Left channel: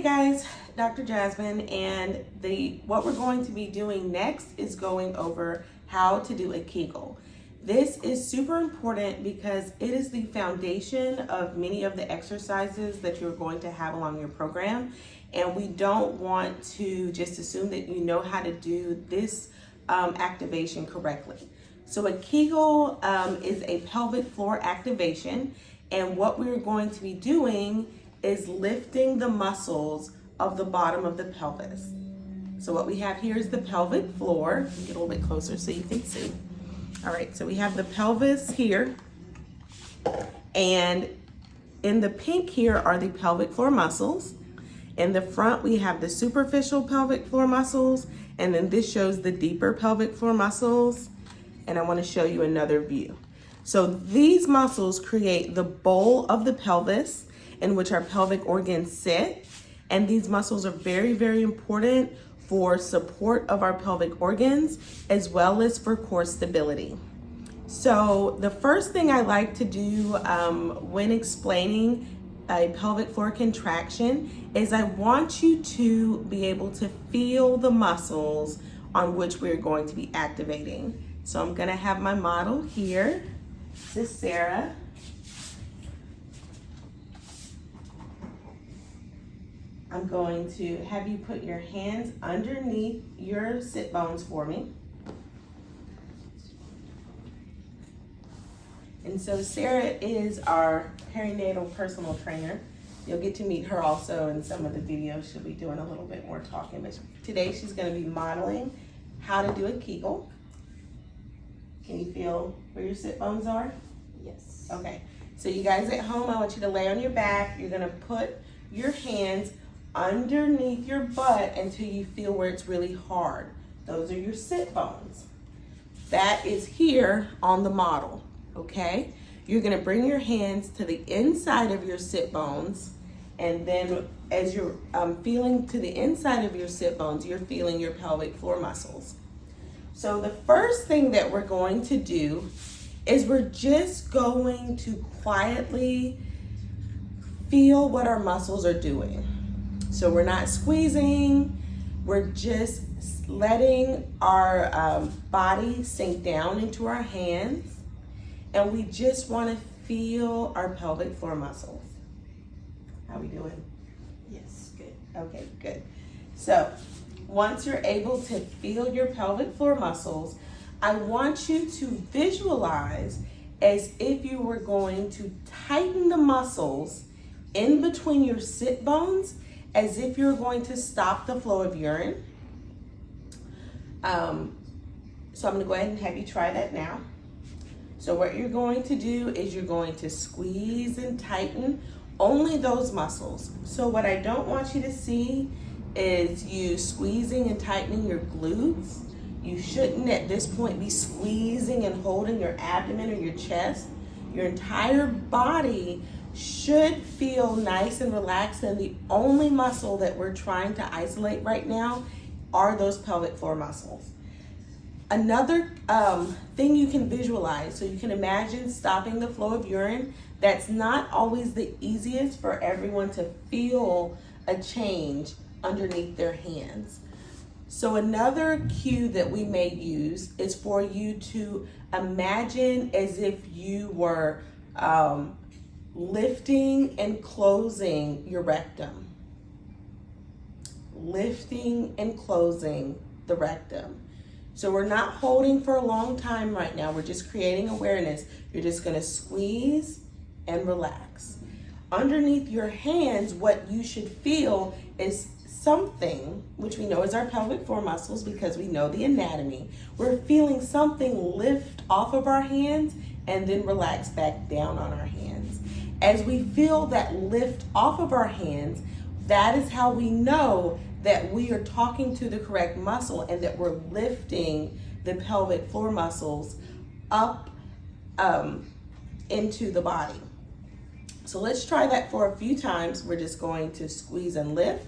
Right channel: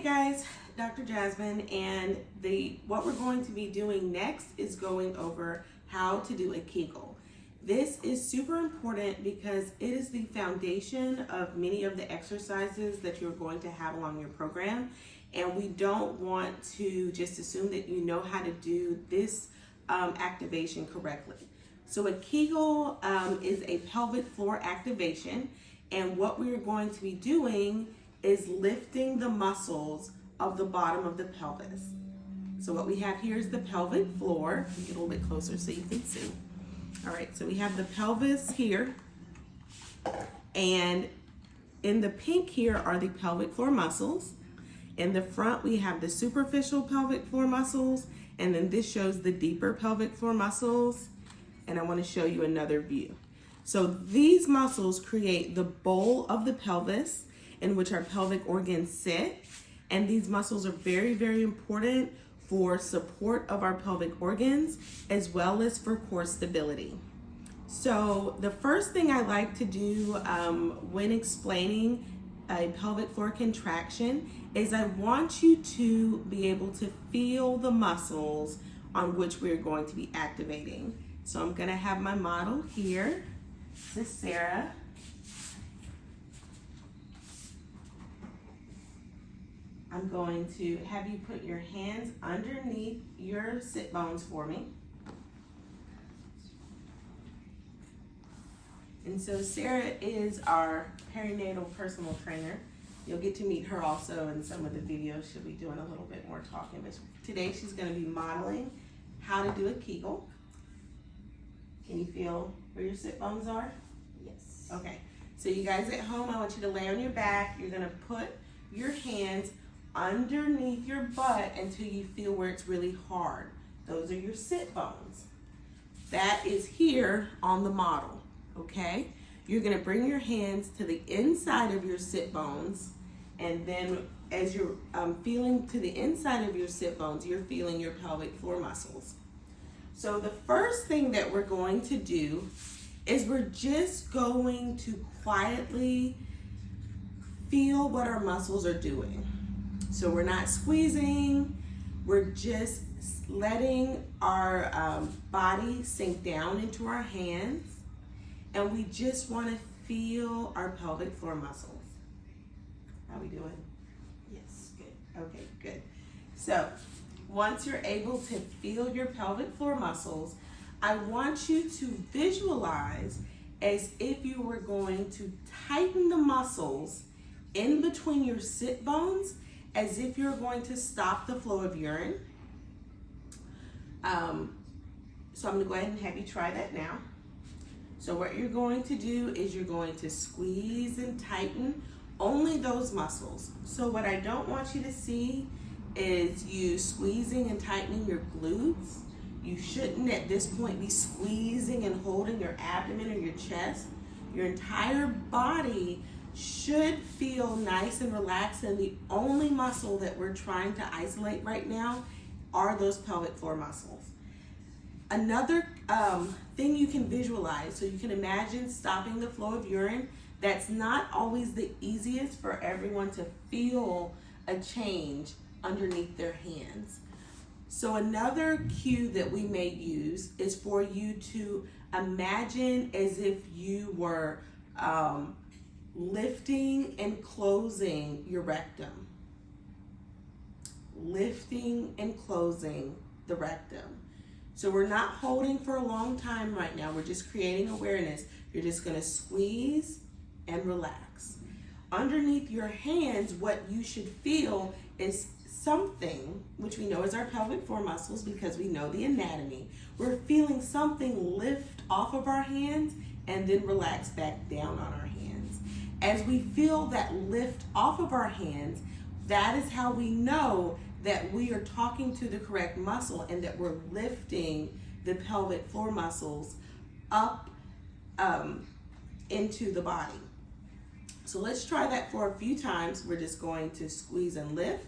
Hey guys, Dr. Jasmine, and what we're going to be doing next is going over how to do a Kegel. This is super important because it is the foundation of many of the exercises that you're going to have along your program, and we don't want to just assume that you know how to do this activation correctly. So a Kegel is a pelvic floor activation, and what we're going to be doing is lifting the muscles of the bottom of the pelvis. So what we have here is the pelvic floor. Get a little bit closer so you can see. All right, so we have the pelvis here, and in the pink here are the pelvic floor muscles. In the front, we have the superficial pelvic floor muscles, and then this shows the deeper pelvic floor muscles. And I want to show you another view. So these muscles create the bowl of the pelvis in which our pelvic organs sit. And these muscles are very, very important for support of our pelvic organs as well as for core stability. So the first thing I like to do when explaining a pelvic floor contraction is I want you to be able to feel the muscles on which we're going to be activating. So I'm gonna have my model here. This is Sarah. I'm going to have you put your hands underneath your sit bones for me. And so Sarah is our perinatal personal trainer. You'll get to meet her also in some of the videos. She'll be doing a little bit more talking, but today she's going to be modeling how to do a Kegel. Can you feel where your sit bones are? Yes. Okay, so you guys at home, I want you to lay on your back. You're going to put your hands underneath your butt until you feel where it's really hard. Those are your sit bones. That is here on the model, okay? You're gonna bring your hands to the inside of your sit bones, and then as you're feeling to the inside of your sit bones, you're feeling your pelvic floor muscles. So the first thing that we're going to do is we're just going to quietly feel what our muscles are doing. So we're not squeezing, we're just letting our body sink down into our hands, and we just want to feel our pelvic floor muscles. How we doing? Yes, good. Okay, good. So once you're able to feel your pelvic floor muscles, I want you to visualize as if you were going to tighten the muscles in between your sit bones, as if you're going to stop the flow of urine. So I'm gonna go ahead and have you try that now. So what you're going to do is you're going to squeeze and tighten only those muscles. So what I don't want you to see is you squeezing and tightening your glutes. You shouldn't at this point be squeezing and holding your abdomen or your chest. Your entire body should feel nice and relaxed, and the only muscle that we're trying to isolate right now are those pelvic floor muscles. Another thing you can visualize, so you can imagine stopping the flow of urine. That's not always the easiest for everyone to feel a change underneath their hands. So another cue that we may use is for you to imagine as if you were lifting and closing your rectum. Lifting and closing the rectum. So we're not holding for a long time right now. We're just creating awareness. You're just gonna squeeze and relax. Underneath your hands, what you should feel is something, which we know is our pelvic floor muscles because we know the anatomy. We're feeling something lift off of our hands and then relax back down on our hands. As we feel that lift off of our hands, that is how we know that we are talking to the correct muscle and that we're lifting the pelvic floor muscles up into the body. So let's try that for a few times. We're just going to squeeze and lift,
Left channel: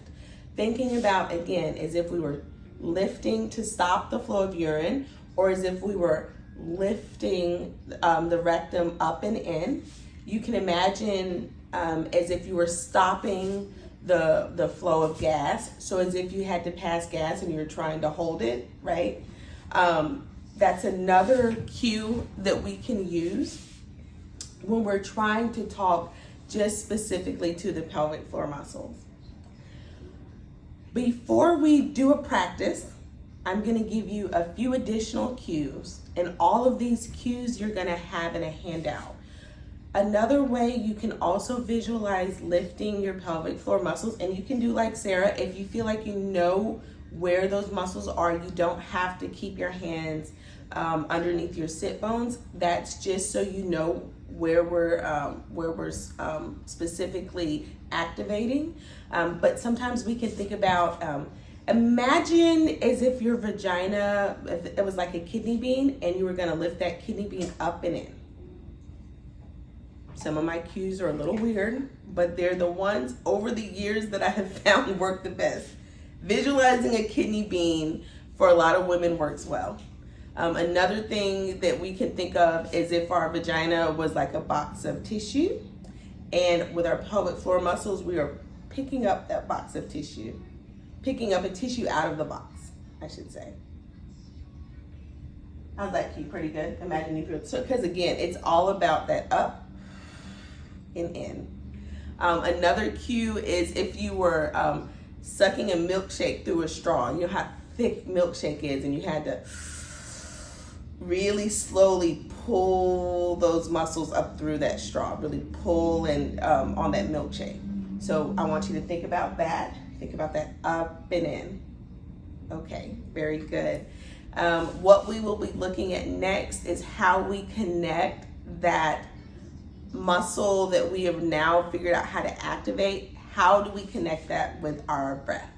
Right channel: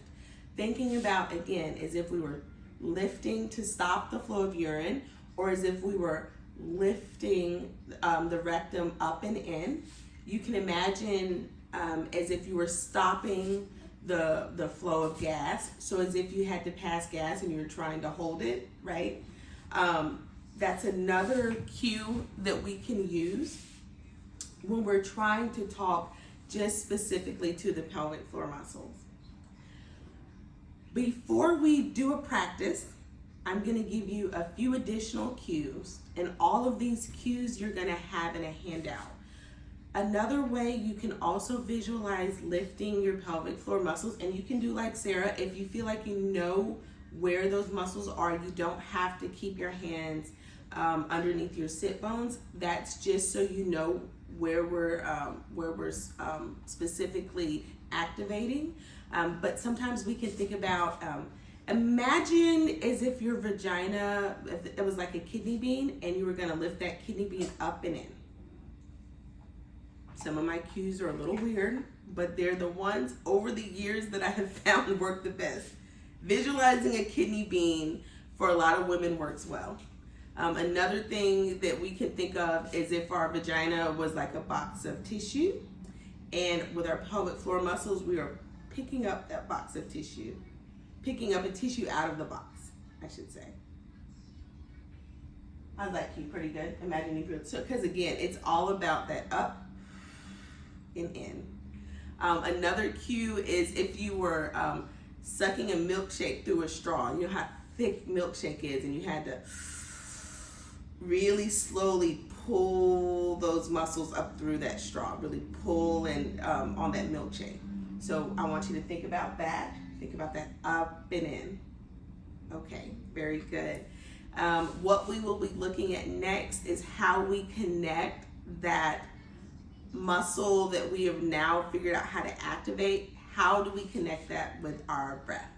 thinking about, again, as if we were lifting to stop the flow of urine, or as if we were lifting the rectum up and in. You can imagine as if you were stopping the flow of gas. So as if you had to pass gas and you're trying to hold it, right? That's another cue that we can use when we're trying to talk just specifically to the pelvic floor muscles. Before we do a practice, I'm going to give you a few additional cues, and all of these cues you're going to have in a handout. Another way you can also visualize lifting your pelvic floor muscles, and you can do like Sarah, if you feel like you know where those muscles are, you don't have to keep your hands underneath your sit bones. That's just so you know where we're specifically activating. But sometimes we can think about, imagine as if your vagina, if it was like a kidney bean and you were gonna lift that kidney bean up and in. Some of my cues are a little weird, but they're the ones over the years that I have found work the best. Visualizing a kidney bean for a lot of women works well. Another thing that we can think of is if our vagina was like a box of tissue, and with our pelvic floor muscles, we are picking up that box of tissue, picking up a tissue out of the box, I should say. How's that cue? Pretty good. Imagine if you're, so, because again, it's all about that up and in. Another cue is if you were sucking a milkshake through a straw. You know how thick milkshake is, and you had to really slowly pull those muscles up through that straw, really pull and on that milkshake. So I want you to think about that. Think about that up and in. Okay, very good. What we will be looking at next is how we connect that muscle that we have now figured out how to activate. How do we connect that with our breath?